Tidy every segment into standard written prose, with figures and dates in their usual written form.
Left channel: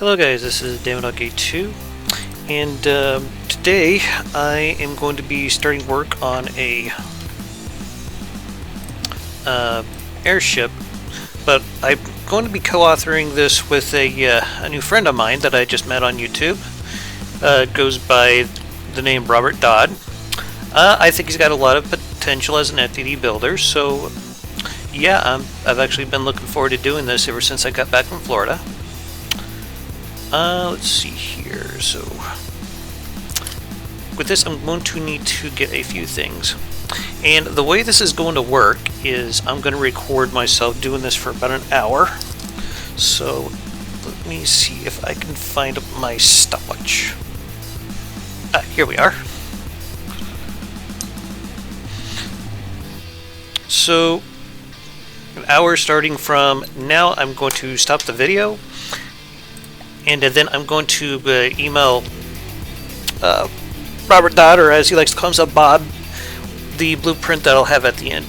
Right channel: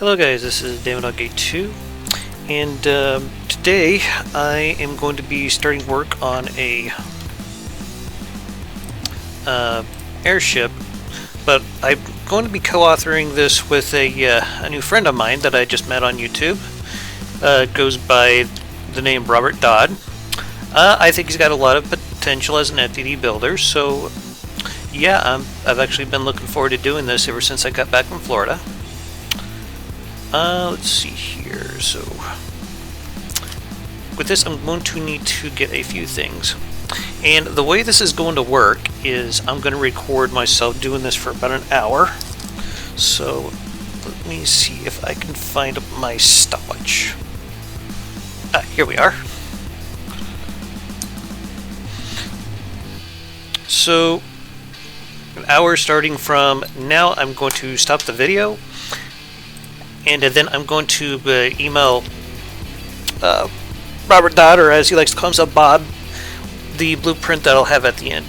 Hello guys, this is Dama Gate 2, and today I am going to be starting work on a airship, but I'm going to be co-authoring this with a new friend of mine that I just met on YouTube. Goes by the name Robert Dodd. I think he's got a lot of potential as an FTD builder, so yeah, I've actually been looking forward to doing this ever since I got back from Florida. Let's see here. So with this, I'm going to need to get a few things. And the way this is going to work is I'm going to record myself doing this for about an hour. So let me see if I can find my stopwatch. Here we are. So an hour starting from now. I'm going to stop the video. And then I'm going to email Robert Dodd, or as he likes to call himself, Bob, the blueprint that I'll have at the end.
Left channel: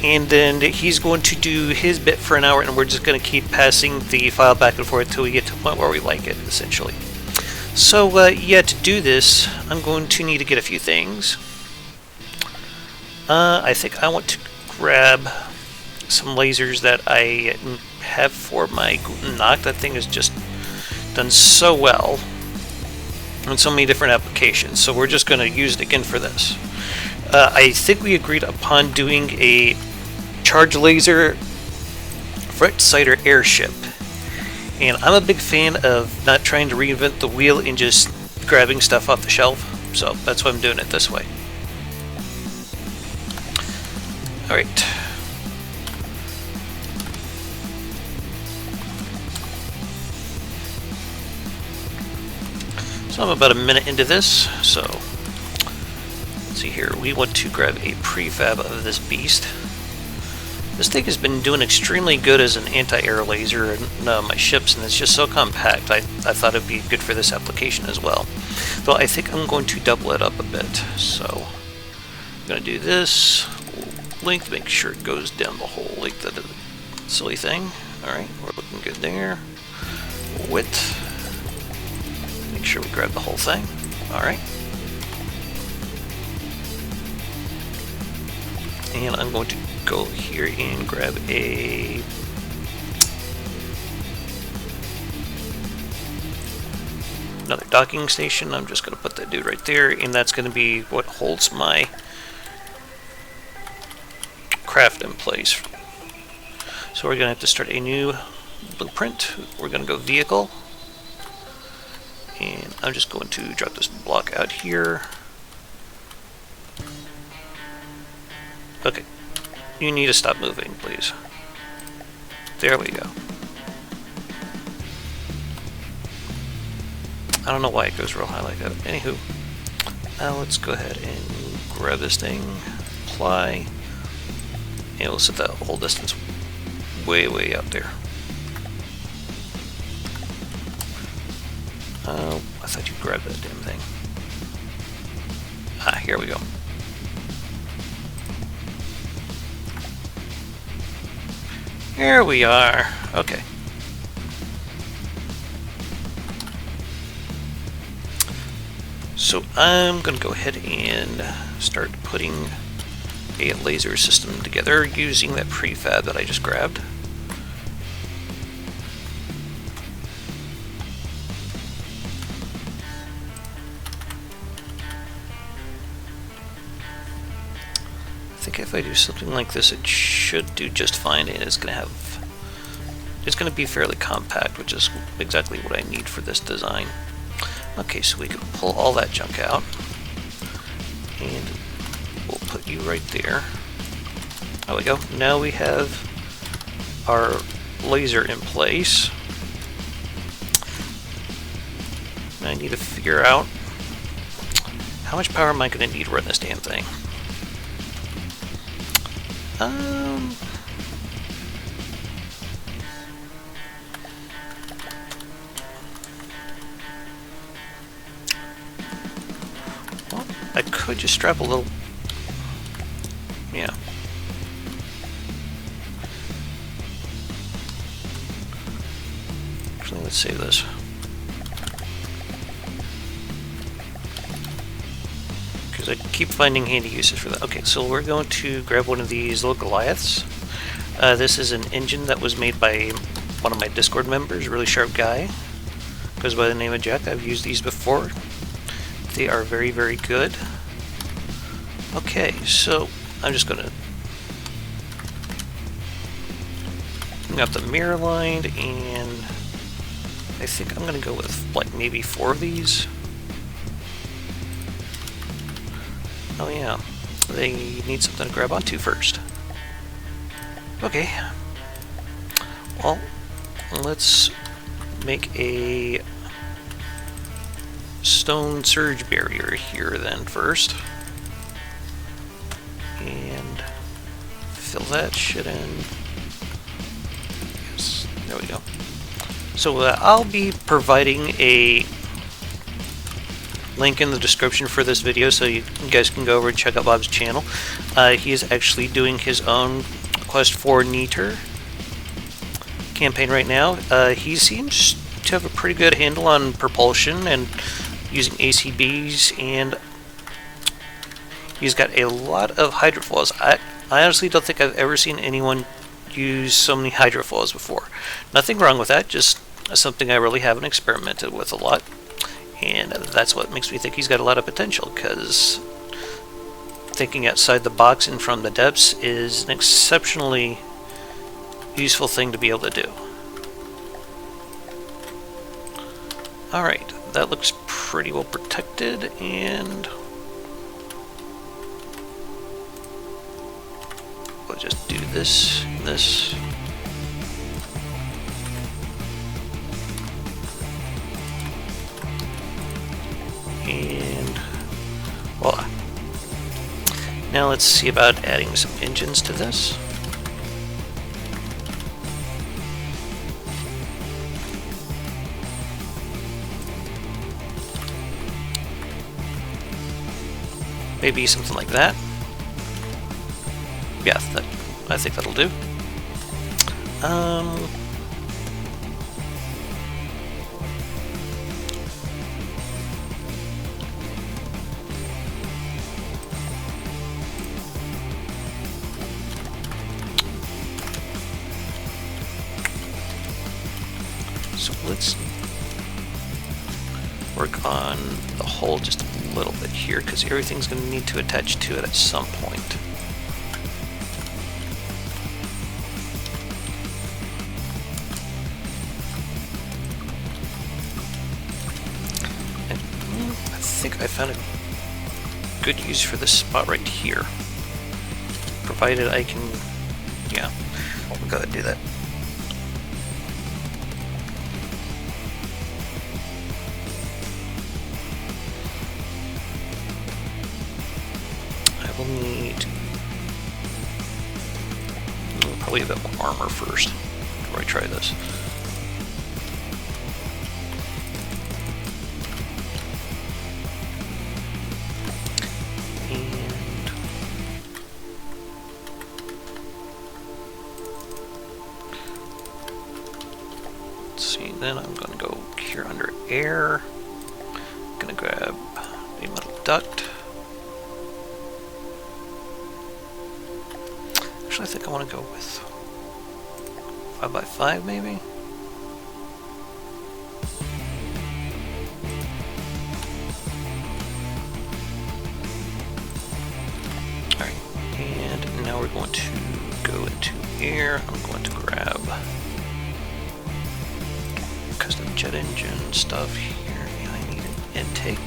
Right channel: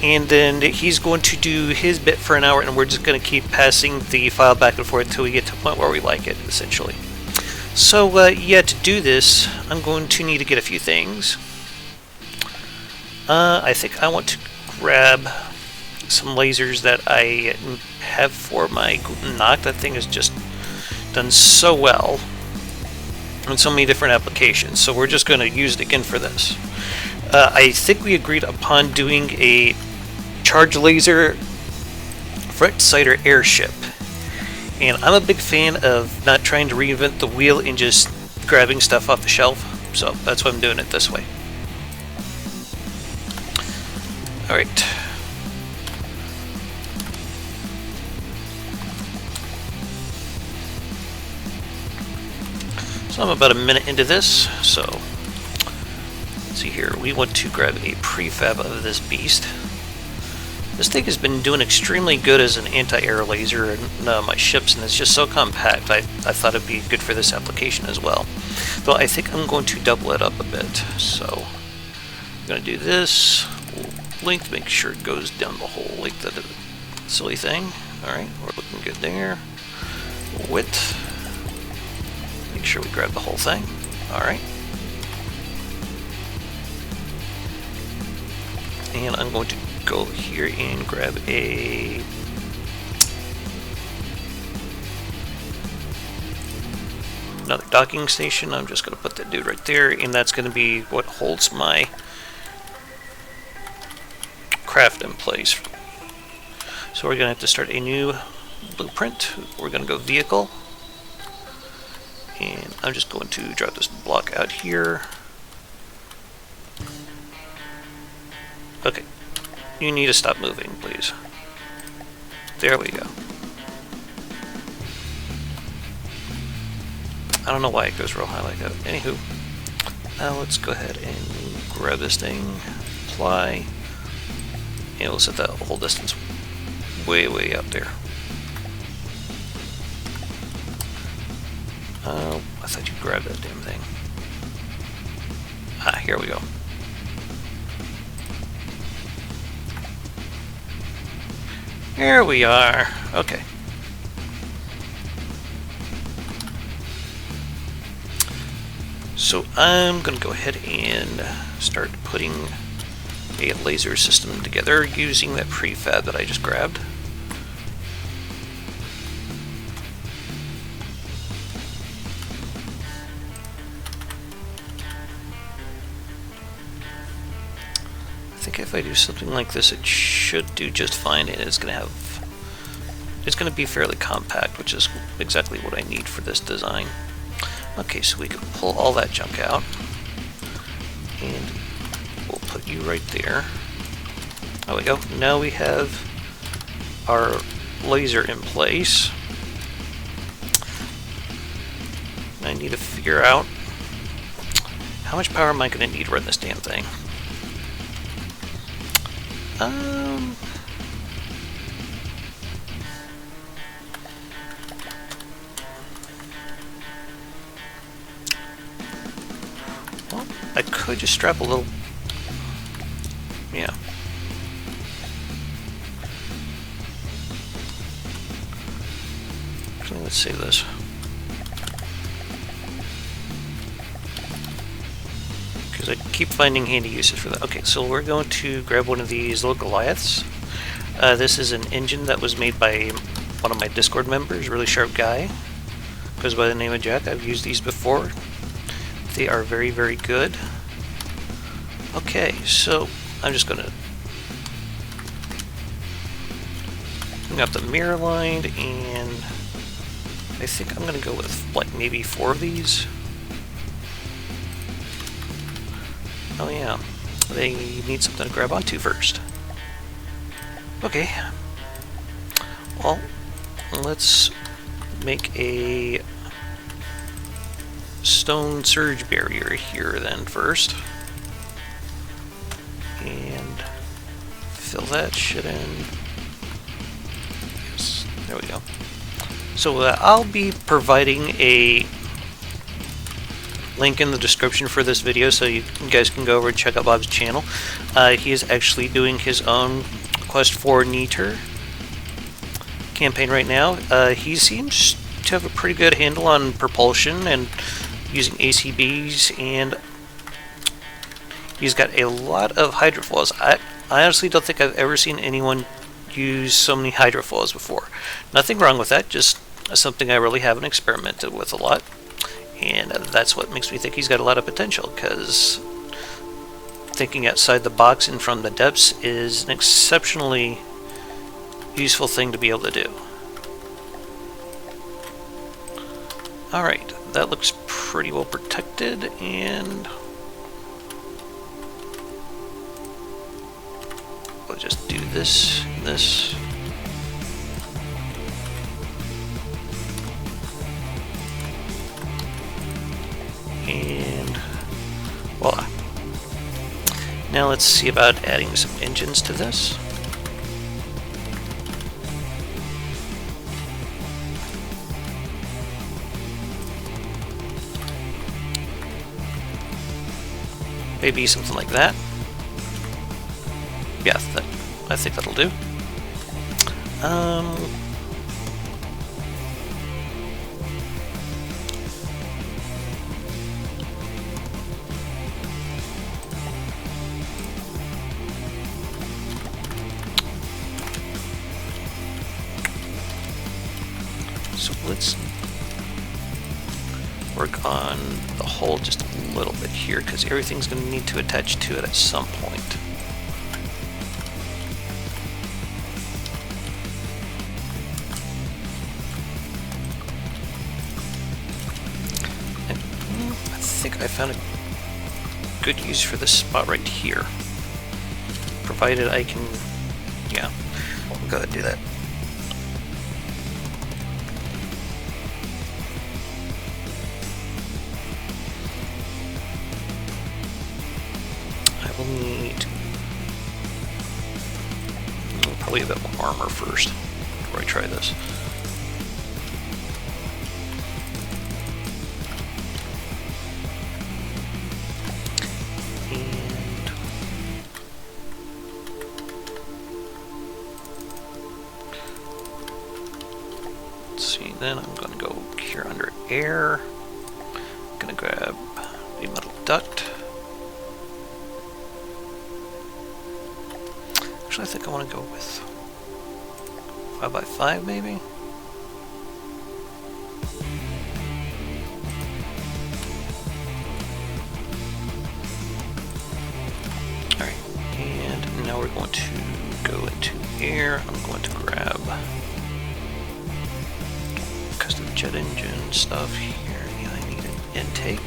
And then he's going to do his bit for an hour, and we're just going to keep passing the file back and forth until we get to the point where we like it, essentially. So, yeah, to do this, I'm going to need to get a few things. I think I want to grab some lasers that I have for my knock. That thing is just done so well on so many different applications, so we're just going to use it again for this. I think we agreed upon doing a charge laser for Exciter Airship, and I'm a big fan of not trying to reinvent the wheel and just grabbing stuff off the shelf, so that's why I'm doing it this way. Alright. So I'm about a minute into this, so let's see here. We want to grab a prefab of this beast. This thing has been doing extremely good as an anti-air laser in my ships, and it's just so compact. I thought it'd be good for this application as well. So I think I'm going to double it up a bit. So I'm going to do this length, make sure it goes down the whole length of the silly thing. Alright, we're looking good there. Width. Make sure we grab the whole thing. Alright. And I'm going to go here and grab another docking station. I'm just going to put that dude right there, and that's going to be what holds my craft in place. So we're going to have to start a new blueprint. We're going to go vehicle. And I'm just going to drop this block out here. Okay. You need to stop moving, please. There we go. I don't know why it goes real high like that. Anywho. Now let's go ahead and grab this thing. Apply. And we'll set that whole distance way out there. Oh, I thought you grabbed that damn thing. Here we go. There we are. Okay. So I'm going to go ahead and start putting a laser system together using that prefab that I just grabbed. I think if I do something like this, it should do just fine, and it's going to be fairly compact, which is exactly what I need for this design. Okay, so we can pull all that junk out, and we'll put you right there. There we go. Now we have our laser in place. I need to figure out how much power am I going to need to run this damn thing. I could just strap a little. Yeah. Actually, let's save this. keep finding handy uses for that. Okay, so we're going to grab one of these little Goliaths. This is an engine that was made by one of my Discord members, a really sharp guy. Goes by the name of Jack. I've used these before. They are very, very good. Okay, so I'm just gonna got the mirror lined, and I think I'm gonna go with like maybe 4 of these. Oh yeah, they need something to grab onto first. Okay, well, let's make a stone surge barrier here then first, and fill that shit in. There we go. So I'll be providing a link in the description for this video, so you guys can go over and check out Bob's channel. He is actually doing his own Quest for Neater campaign right now. He seems to have a pretty good handle on propulsion and using ACBs, and he's got a lot of hydrofoils. I honestly don't think I've ever seen anyone use so many hydrofoils before. Nothing wrong with that, just something I really haven't experimented with a lot. And that's what makes me think he's got a lot of potential, because thinking outside the box and from the depths is an exceptionally useful thing to be able to do. Alright, that looks pretty well protected, and I'll just do this. And voila. Now let's see about adding some engines to this. Maybe something like that. Yeah, I think that'll do. So let's work on the hull just a little bit here, because everything's going to need to attach to it at some point. And I think I found a good use for this spot right here. Provided I can, yeah, I'll go ahead and do that. I will need probably a bit of armor first before I try this. Let's see, then I'm going to go here under air. I'm going to grab a metal duct. Actually, I think I want to go with 5x5 maybe? Alright, and now we're going to go into here. I'm going to grab custom jet engine stuff here, and I need intake.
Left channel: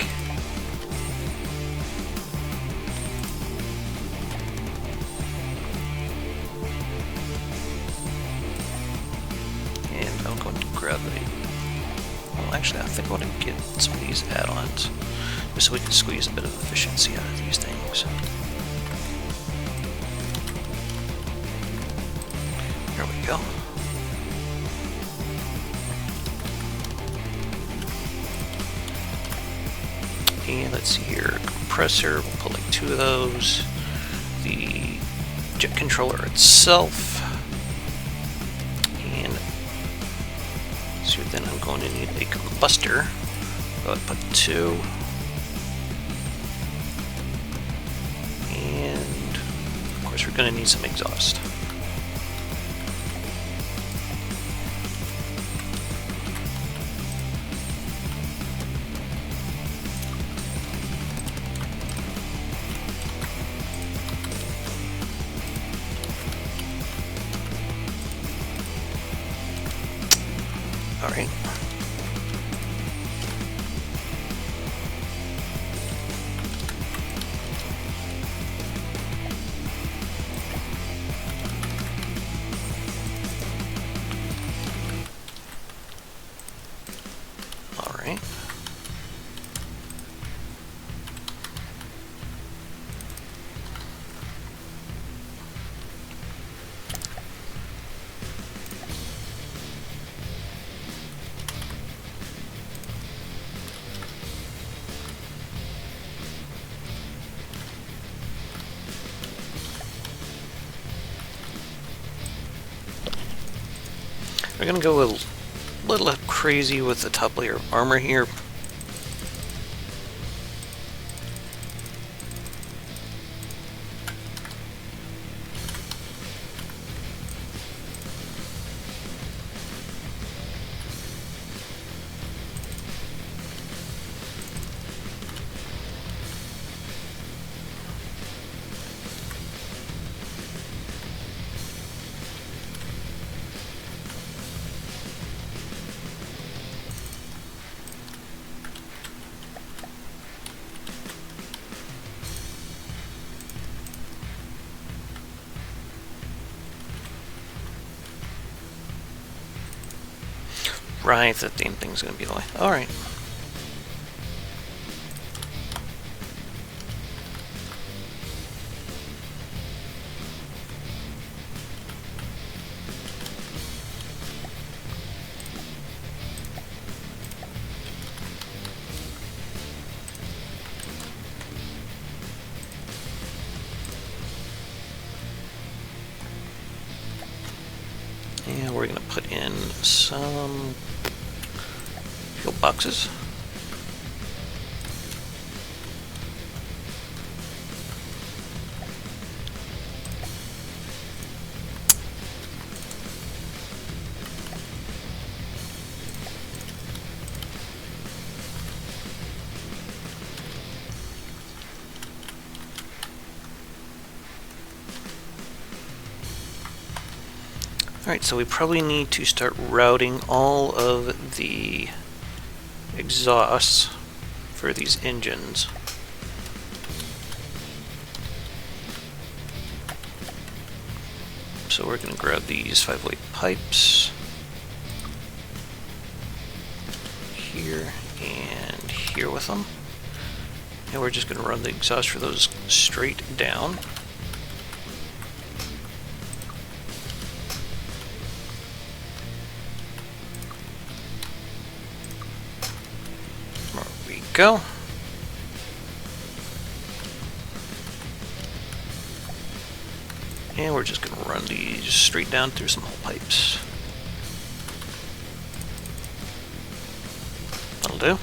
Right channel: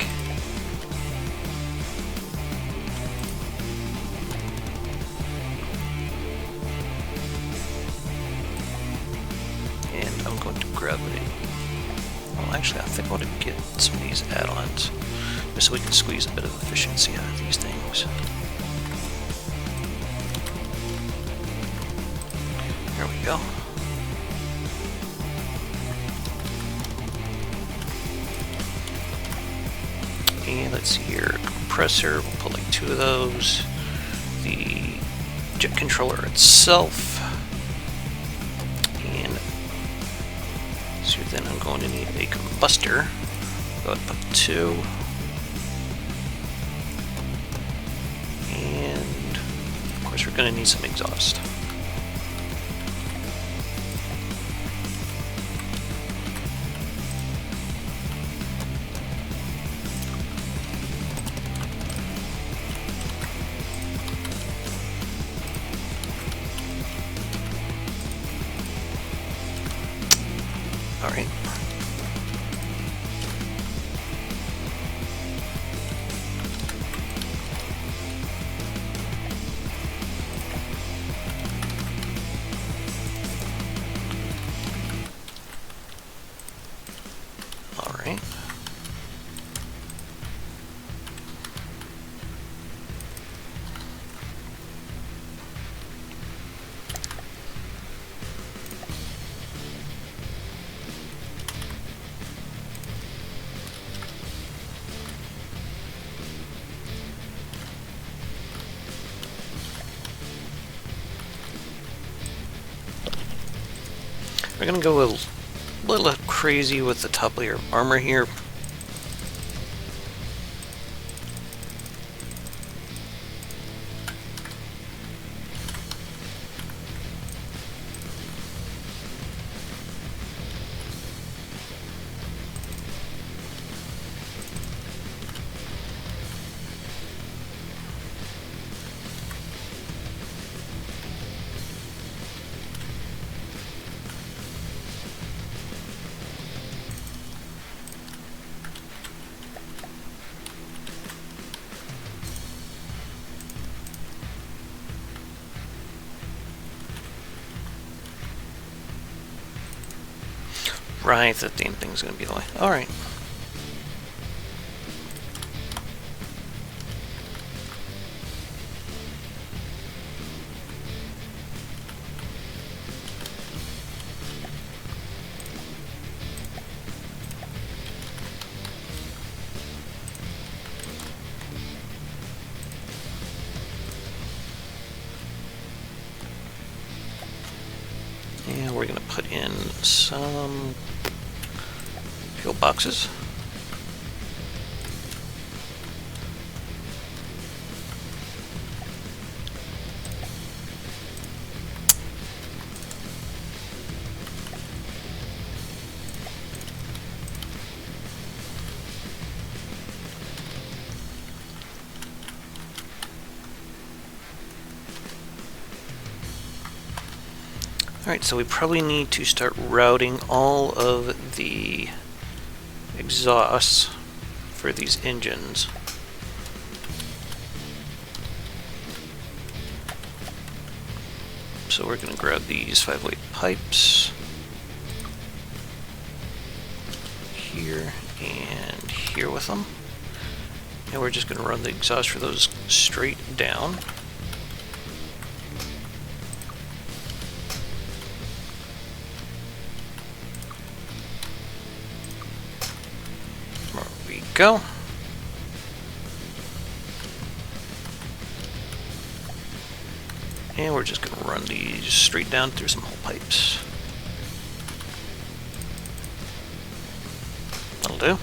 Actually, I think we'll get some of these add-ons just so we can squeeze a bit of efficiency out of these things. There we go. And let's see here, compressor, we'll pull like 2 of those. The jet controller itself. So then I'm going to need a combustor. I'll put 2. And of course we're going to need some exhaust. Alright. Alright. We're going to go a little crazy with the top layer of armor here. Right, that damn thing's gonna be like, alright. And we're gonna put in some fuel boxes. Alright, so we probably need to start routing all of the exhausts for these engines. So we're going to grab these 5-weight pipes here and here with them. And we're just going to run the exhaust for those straight down. Go. And we're just going to run these straight down through some hole pipes. That'll do.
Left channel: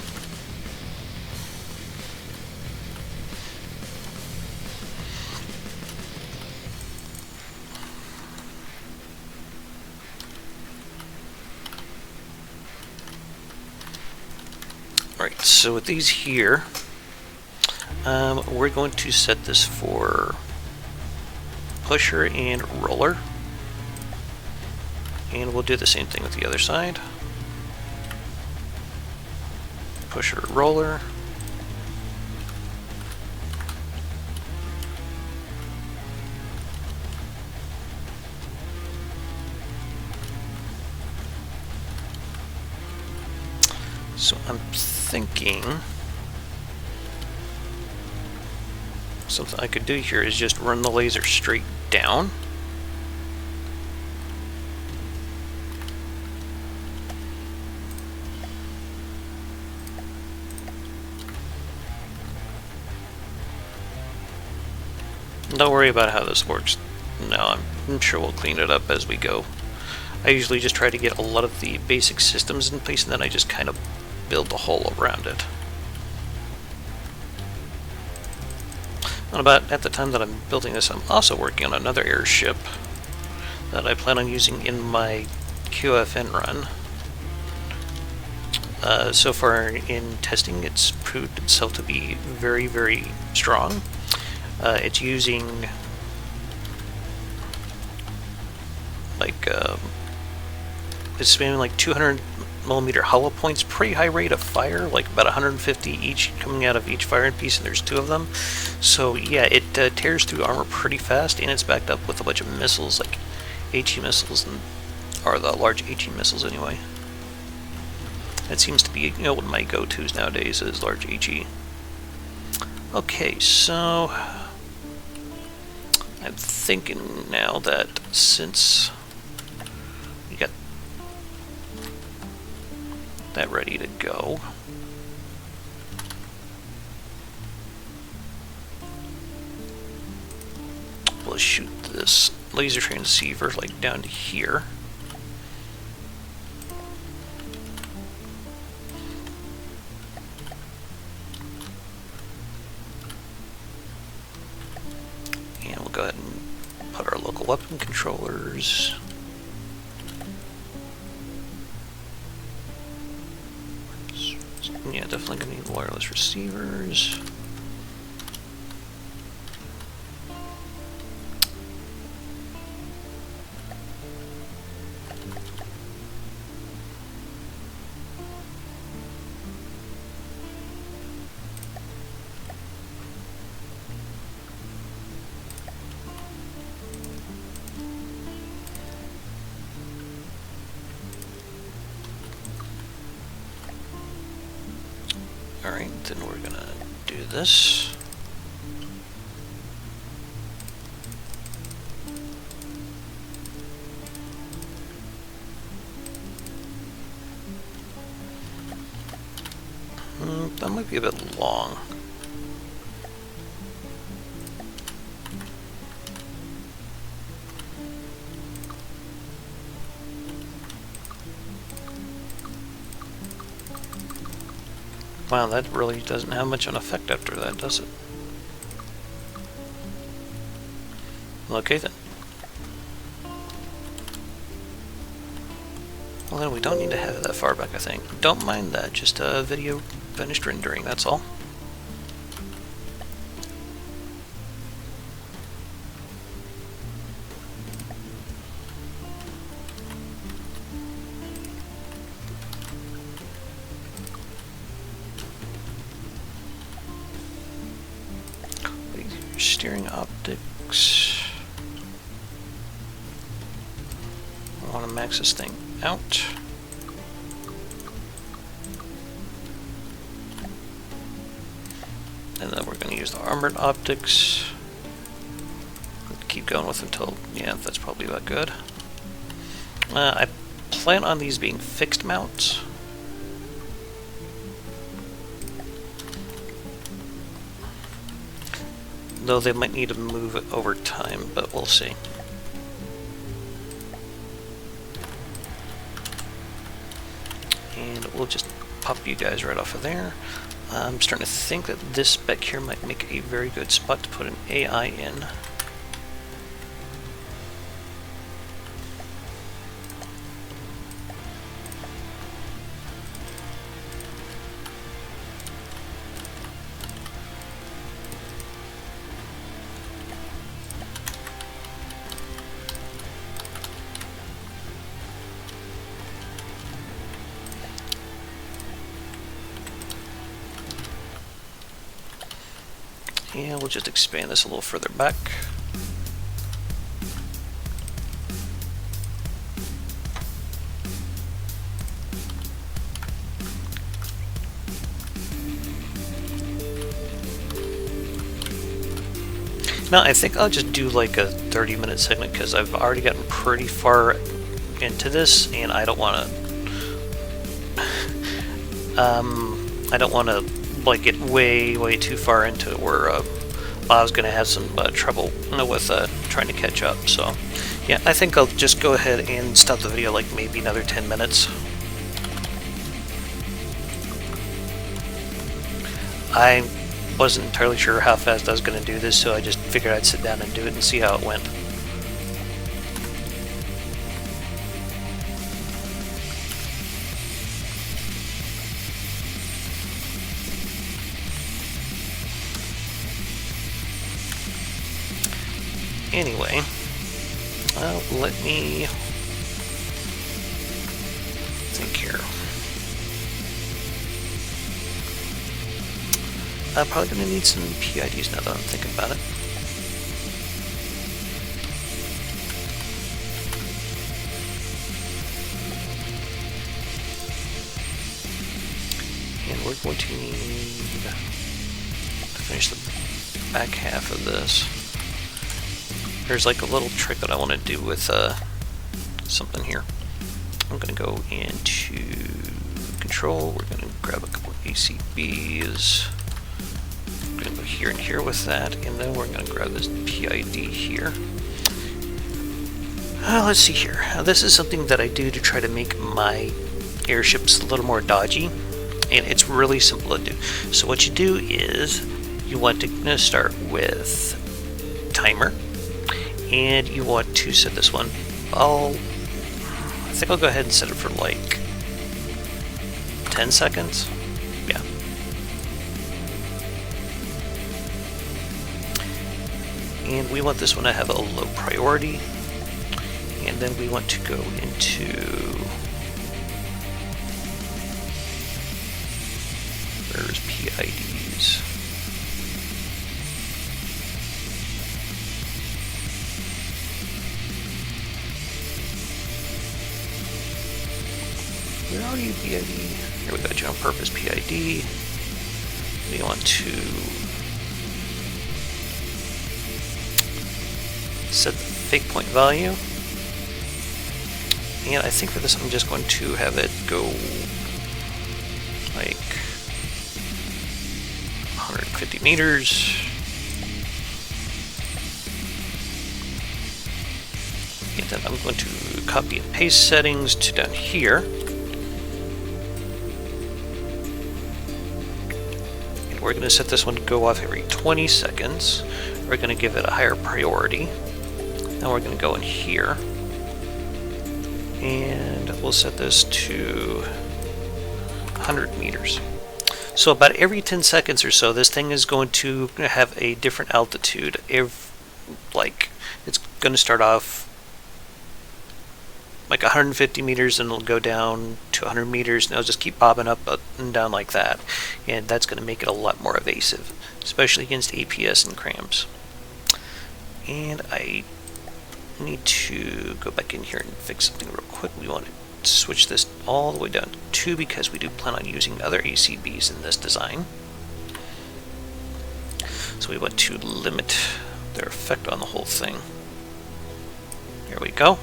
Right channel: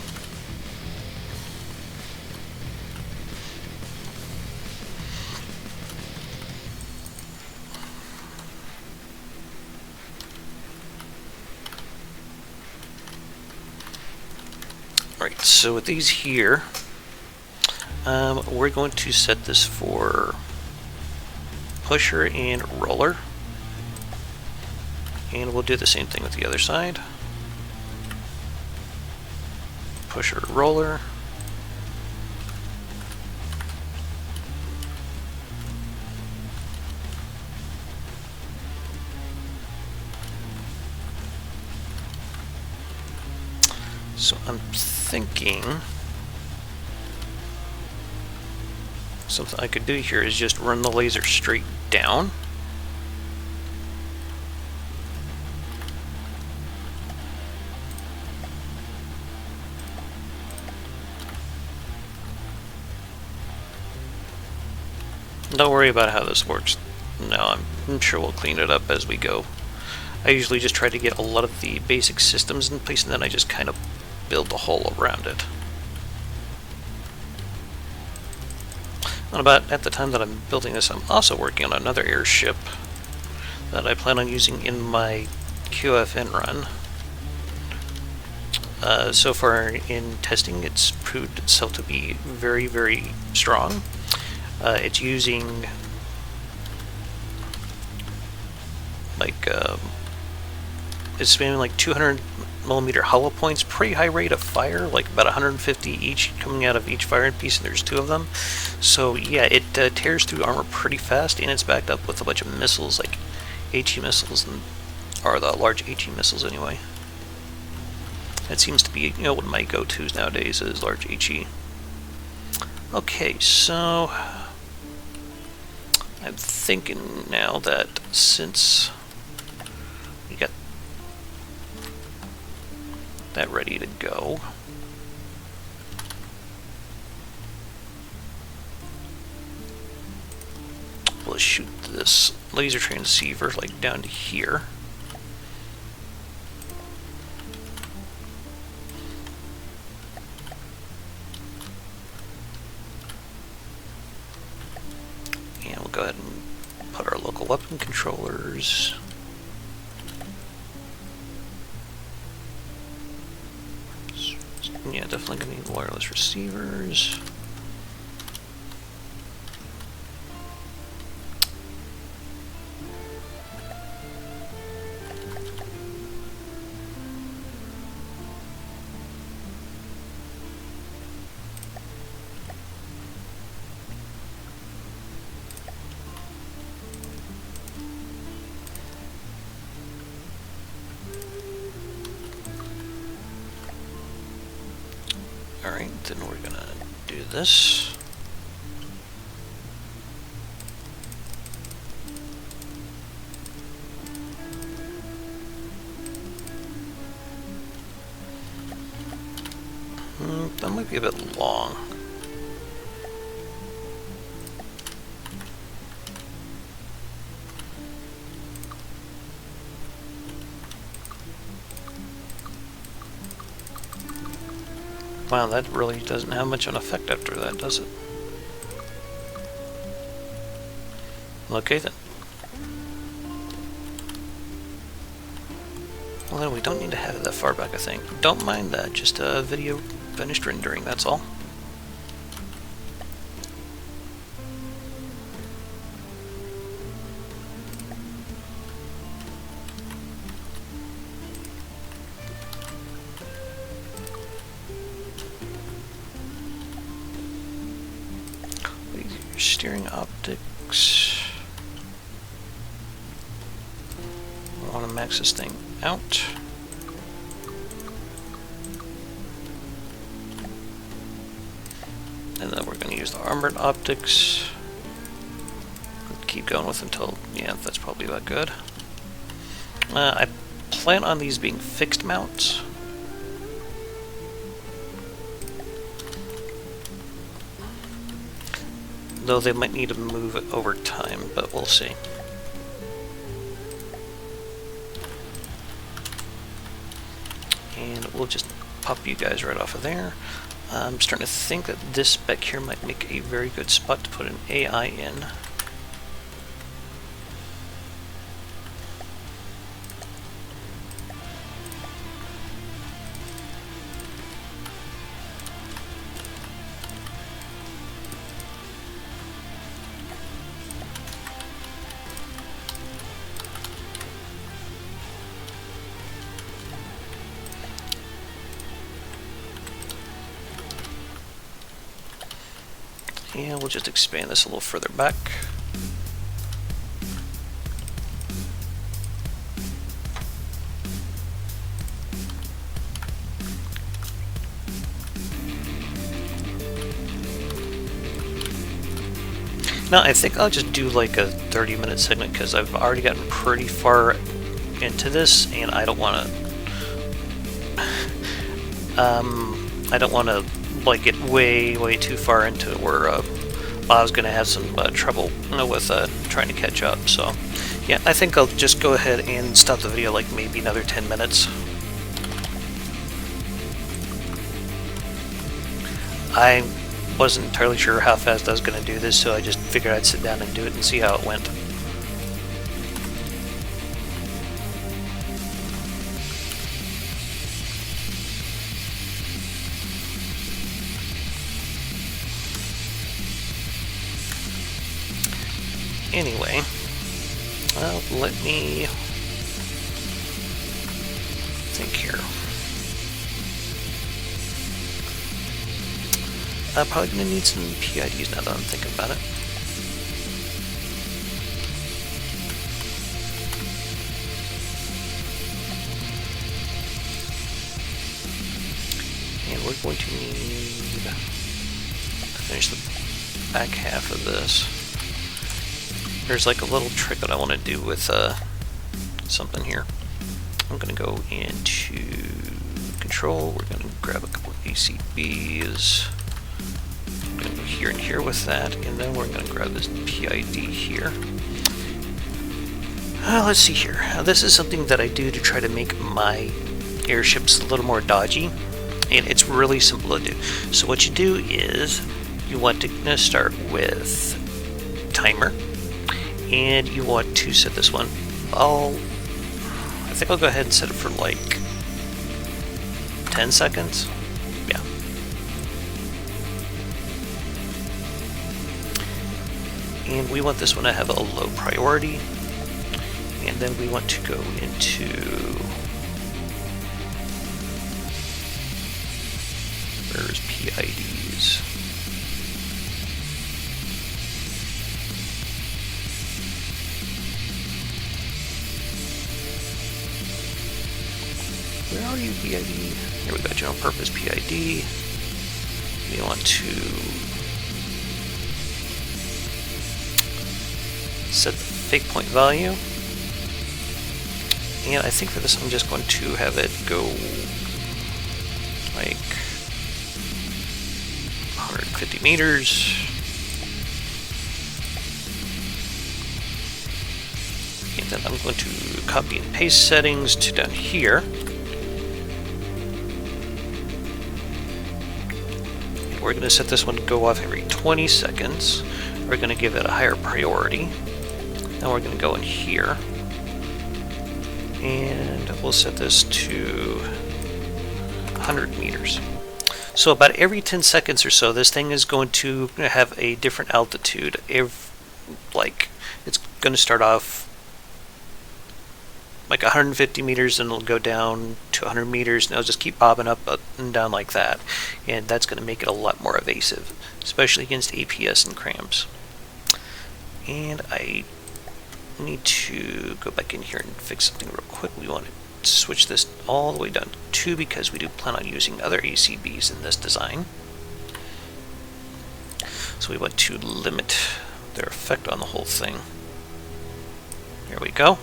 So with these here, we're going to set this for pusher and roller. And we'll do the same thing with the other side. Pusher, roller. So I'm thinking something I could do here is just run the laser straight down. Don't worry about how this works. No, I'm sure we'll clean it up as we go. I usually just try to get a lot of the basic systems in place and then I just kind of build the hull around it. About at the time that I'm building this, I'm also working on another airship that I plan on using in my QFN run. So far in testing, it's proved itself to be very, very strong. It's using it's maybe like 200mm hollow points, pretty high rate of fire, like about 150 each coming out of each firing piece, and there's 2 of them. So yeah, it tears through armor pretty fast, and it's backed up with a bunch of missiles, like AT missiles, or the large AT missiles anyway. It seems to be, one of my go-tos nowadays is large HE. Okay, so I'm thinking now that since we got that ready to go, we'll shoot this laser transceiver like down here. Go ahead and put our local weapon controllers. Yeah, definitely gonna need wireless receivers. Alright, then we're gonna do this. That might be a bit long. Wow, that really doesn't have much of an effect after that, does it? Okay then. Well, we don't need to have it that far back, I think. Don't mind that, just a video finished rendering, that's all. Steering optics. I want to max this thing out. And then we're going to use the armored optics. Let's keep going with it until, yeah, that's probably about good. I plan on these being fixed mounts. Though they might need to move it over time, but we'll see. And we'll just pop you guys right off of there. I'm starting to think that this spec here might make a very good spot to put an AI in. Yeah, we'll just expand this a little further back. Now, I think I'll just do like a 30-minute segment because I've already gotten pretty far into this, and I don't want to like get way too far into it where I was going to have some trouble with trying to catch up. So yeah, I think I'll just go ahead and stop the video like maybe another 10 minutes. I wasn't entirely sure how fast I was going to do this, so I just figured I'd sit down and do it and see how it went. Anyway, let me think here. I'm probably going to need some PIDs now that I'm thinking about it. And we're going to need to finish the back half of this. There's like a little trick that I want to do with something here. I'm going to go into control. We're going to grab a couple ACBs. We're going to go here and here with that, and then we're going to grab this PID here. Let's see here. This is something that I do to try to make my airships a little more dodgy, and it's really simple to do. So what you do is you want to start with timer. And you want to set this one. I think I'll go ahead and set it for like 10 seconds. Yeah. And we want this one to have a low priority. And then we want to go into where's PIDs? PID. There we go, general purpose PID. You want to set the fake point value. And I think for this I'm just going to have it go like 150 meters. And then I'm going to copy and paste settings to down here. We're going to set this one to go off every 20 seconds. We're going to give it a higher priority. Now we're going to go in here. And we'll set this to 100 meters. So about every 10 seconds or so, this thing is going to have a different altitude. Like, it's going to start off like 150 meters and it'll go down to 100 meters and it'll just keep bobbing up and down like that, and that's going to make it a lot more evasive, especially against APS and crams. And I need to go back in here and fix something real quick. We want to switch this all the way down to 2 because we do plan on using other ACBs in this design. So we want to limit their effect on the whole thing. There we go.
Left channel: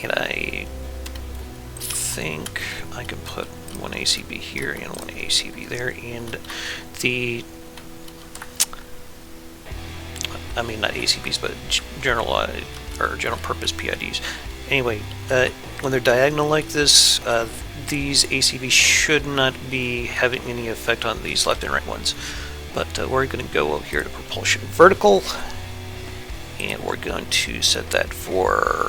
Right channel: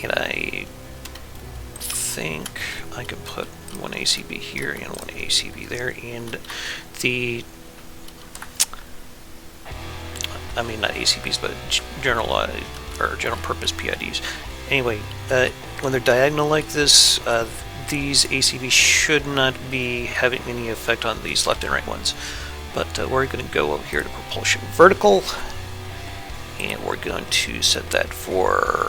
And I think I can put one ACB here and one ACB there, and I mean not ACBs, but general purpose PIDs. Anyway, when they're diagonal like this, these ACBs should not be having any effect on these left and right ones. But we're going to go over here to propulsion vertical, and we're going to set that for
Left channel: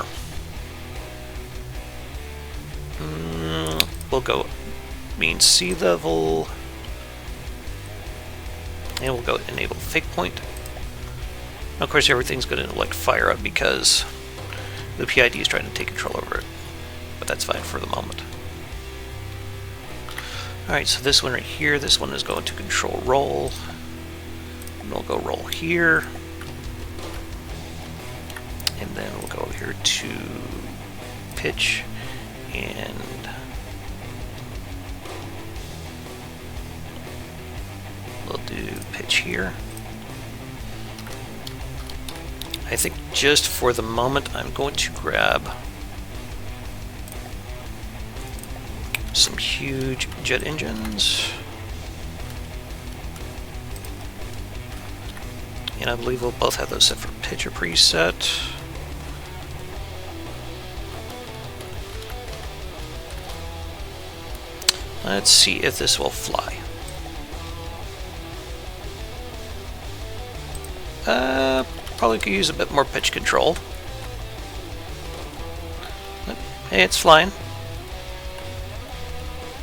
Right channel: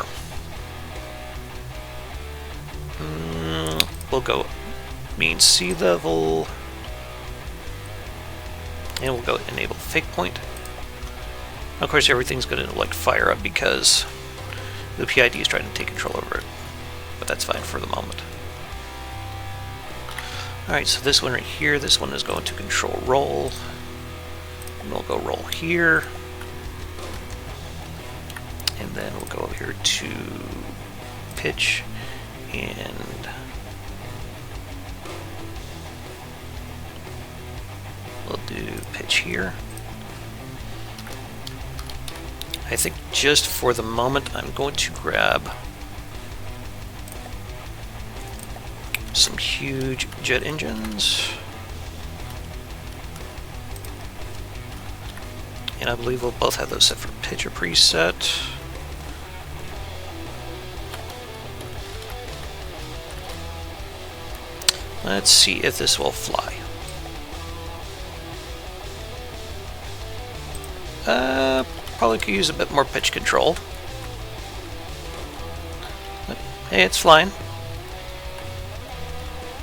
we'll go mean sea level, and we'll go enable fake point. And of course, everything's going to like fire up because the PID is trying to take control over it, but that's fine for the moment. Alright, so this one right here, this one is going to control roll. And we'll go roll here. And then we'll go over here to pitch. And we'll do pitch here. I think just for the moment, I'm going to grab some huge jet engines. And I believe we'll both have those set for pitch or preset. Let's see if this will fly. Probably could use a bit more pitch control. But it's flying.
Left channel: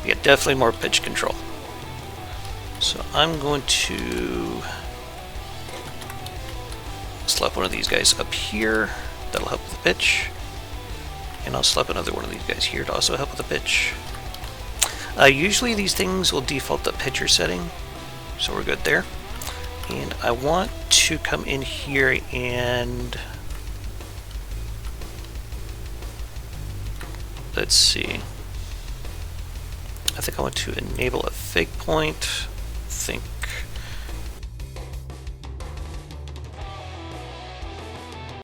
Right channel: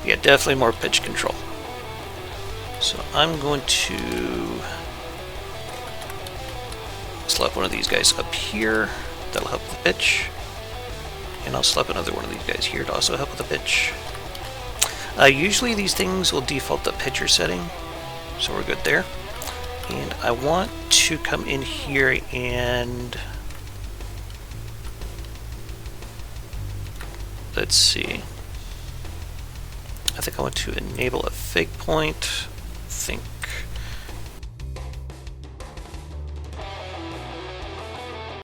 Yeah, definitely more pitch control. So I'm going to slap one of these guys up here. That'll help with the pitch. And I'll slap another one of these guys here to also help with the pitch. Usually these things will default the pitcher setting, so we're good there. And I want to come in here and let's see. I think I want to enable a fake point.